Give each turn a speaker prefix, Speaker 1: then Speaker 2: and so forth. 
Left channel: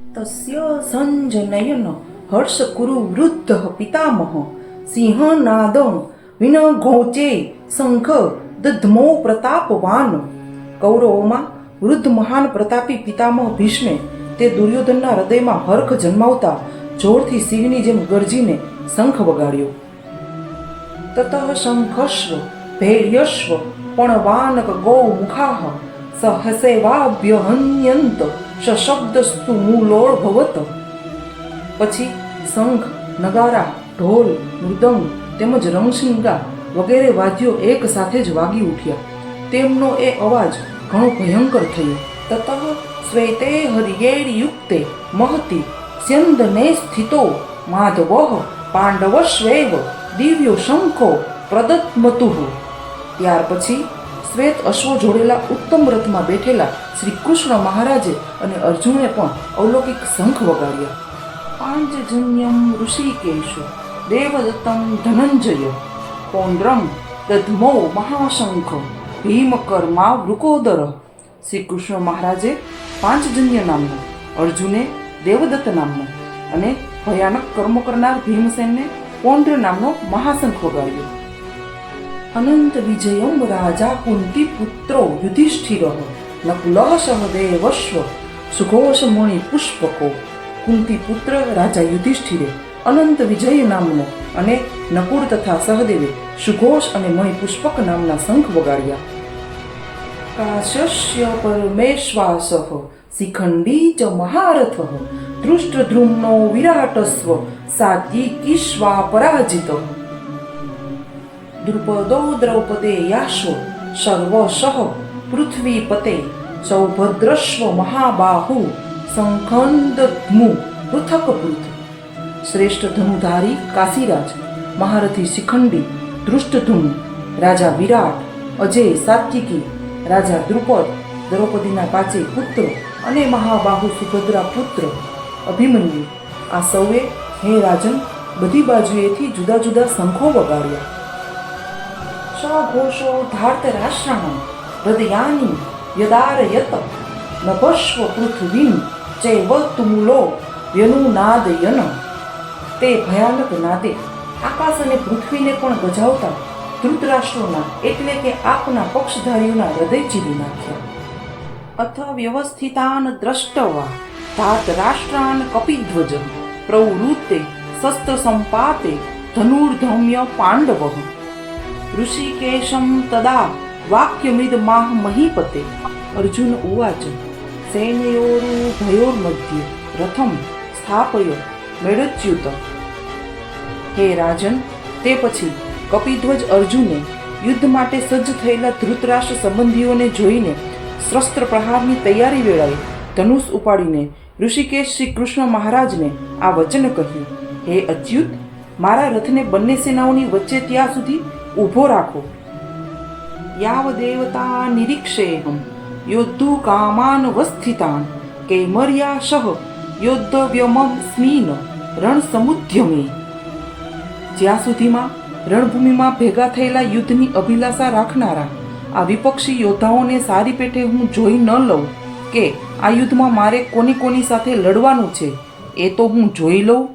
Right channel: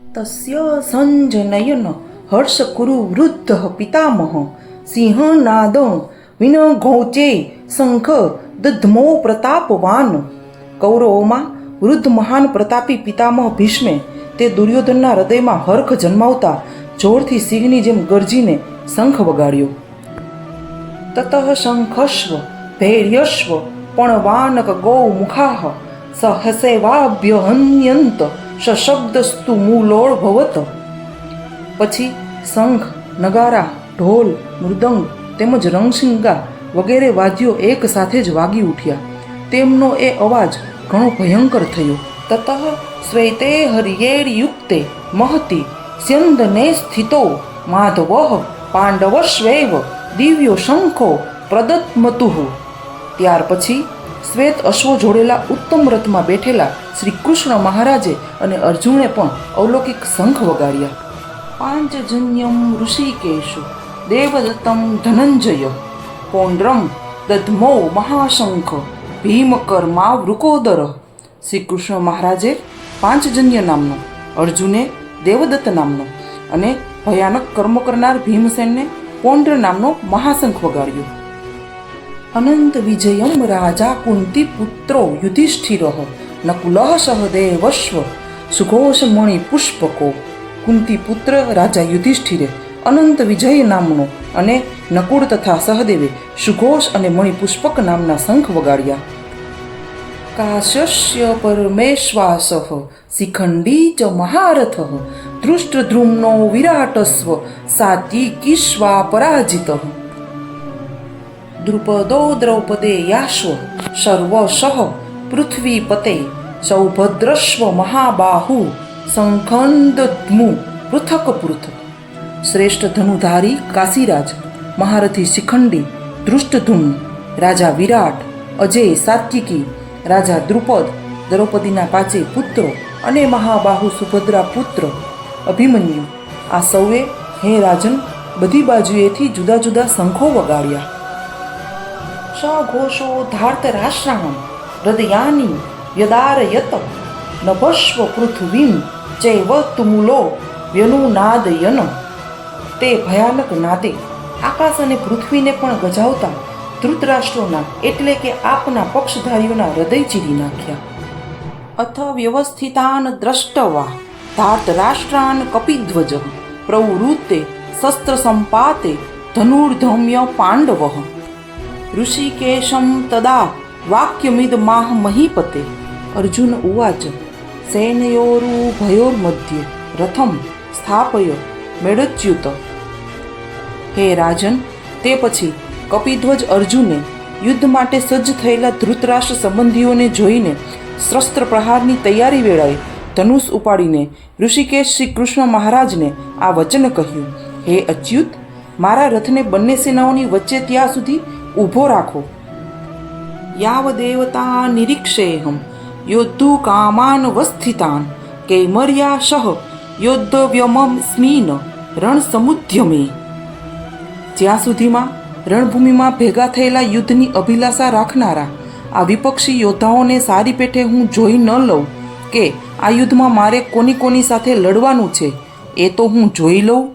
Speaker 1: તસ્ય સંજનયન હર્ષકુરુ વૃદ્ધ પિતામહ સિંહનાદ વિન ઘોચે શંખ દધમો પ્રતાપવાન કૌરવોમાં વૃદ્ધ મહાન પ્રતાપી પિતામહ ભીષ્મે તે દુર્યોધનના હૃદયમાં હર્ખ જન્માવતા જોરથી સિંહની જેમ ગરજીને શંખ વગાડ્યો તતઃ શંખસ્વ ભૈર્યસ્વ પણવાનક ગૌ મુખાહ સહસેવાભ્યહન્યંત સશબ્દસ્તુ મૂલોળ ભવત પછી શંખ નગારા ઢોલ મૃદંગ તેમજ રંગશિંગા વગેરે વાદ્યો એક સાથે જ વાગી ઉઠ્યા તેમનો એ અવાજ ઘણો ભયંકર થયો તતઃ શ્વેતે હરિયેર્યુક્તે મહતી સ્યંદને સ્થિતો માધવ પાંડવશ્વેવ દિવ્યો શંખો પ્રદત્મતુઃ ત્યાર પછી શ્વેત અશ્વો જોડેલા ઉત્તમ રથમાં બેઠેલા શ્રી કૃષ્ણ મહારાજે અને અર્જુને પણ અવલૌકિક શંખ વગાડ્યા. પાંચજન્યમ ઋષિકેશો, દેવદત્તમ ધનંજય, પૌંડ્રમ દધમો મહાશંખ, ભીમકર્મા વૃકોદર. શ્રી કૃષ્ણ મહારાજે પાંચજન્ય નામનો, અર્જુને દેવદત્ત નામનો અને ભયાનક કર્મ કરનાર ભીમસેનને પૌંડ્ર નામનો મહાશંખ વગાડ્યો. અનંત વિજયમ રાજા કુંતી પુત્રો યુધિષ્ઠિર નકુલ સહદેવશ્વ સુઘોષમણિ પુષ્પકો કુંતી પુત્ર રાજા યુધિષ્ઠિરે અનંત વિજય નામનો અને નકુળ તથા સહદેવે સુઘોષ અને મણિપુષ્પક નામના શંખ વગાડ્યા કાશ્ય પરમેશ્વાસ શિખંડી ચ મહારથ ધૃષ્ટદ્રુમ્નો વિરાટસ્વ સાત્વિકીશ્વા પરાજિત દ્રુપદો દ્રૌપદે યાશ્વ સર્વશઃ પૃથ્વીપતે સૌભદ્રશ્વ મહાબાહુ સંખંદદ્મુ પૃથક પૃથ શ્રેષ્ઠ ધનુધારી કાશીરાજ મહારથી શિખંડી દૃષ્ટધુમ્ન રાજા વિરાટ અજય સાત્વિકી રાજા દ્રુપદ દ્રૌપદીના કાચે પુત્રો અને મહાબાહુ સુભદ્રા પુત્ર અભિમન્યુ આ સૌએ હે રાજન બધી બાજુએથી જુદા જુદા શંખો વગાડ્યા સઘોષો ધાર્ત રાષ્ટ્રાણ હૃદયાની યદારયત નભસ્વ પૃથ્વીમ ચૈવ તુમુલો વ્યનુનાદયન તે ભયાનક નાદે આકાશ અને પૃથ્વીને પણ ગજાવતા ધૃતરાષ્ટ્રોના એટલે કે આપના પક્ષધારીઓના હૃદય ચીરી નાખ્યા. અથ વ્યવસ્થિતાન દ્રષ્ટવા ધાર્તરાષ્ટ્રાન કપિધ્વજ પ્રવૃત્તે શસ્ત્ર સંપાતે ધનુર્ધમ્ય પાંડવ। ઋષિકેશમ તદા વાક્યમિદ માહ મહીપતે. અર્જુન ઉવાચ મધ્ય રથમ સ્થાપય મેળચ્યુત. હે રાજન, તે પછી કપિધ્વજ અર્જુને યુદ્ધ માટે સજ્જ થયેલા ધૃતરાષ્ટ્ર સંબંધીઓને જોઈને શસ્ત્ર પ્રહારની તૈયારી વેળાએ ધનુષ ઉપાડીને ઋષિકેશ શ્રી કૃષ્ણ મહારાજને આ વચન કહ્યું, હે અચ્યુત, મારા રથને બંને સેનાઓની વચ્ચે ત્યાં સુધી ઊભો રાખો યાવ દેવતા નિરીક્ષેહમ યોદ્ધુ કામાન વસ્થિતાન કૈમર્યા સહ યોદ્ધવ્યમમ સ્મીન રણ સમુદ્યમે જ્યાં સુધીમાં રણભૂમિમાં ભેગા થયેલા યુદ્ધની અભિલાષા રાખનારા આ વિપક્ષી યોદ્ધાઓને સારી પેઠે હું જોઈ ન લઉં કે આ યુદ્ધમાં મારે કોની કોની સાથે લડવાનું છે એ તો હું જોઈ લઉં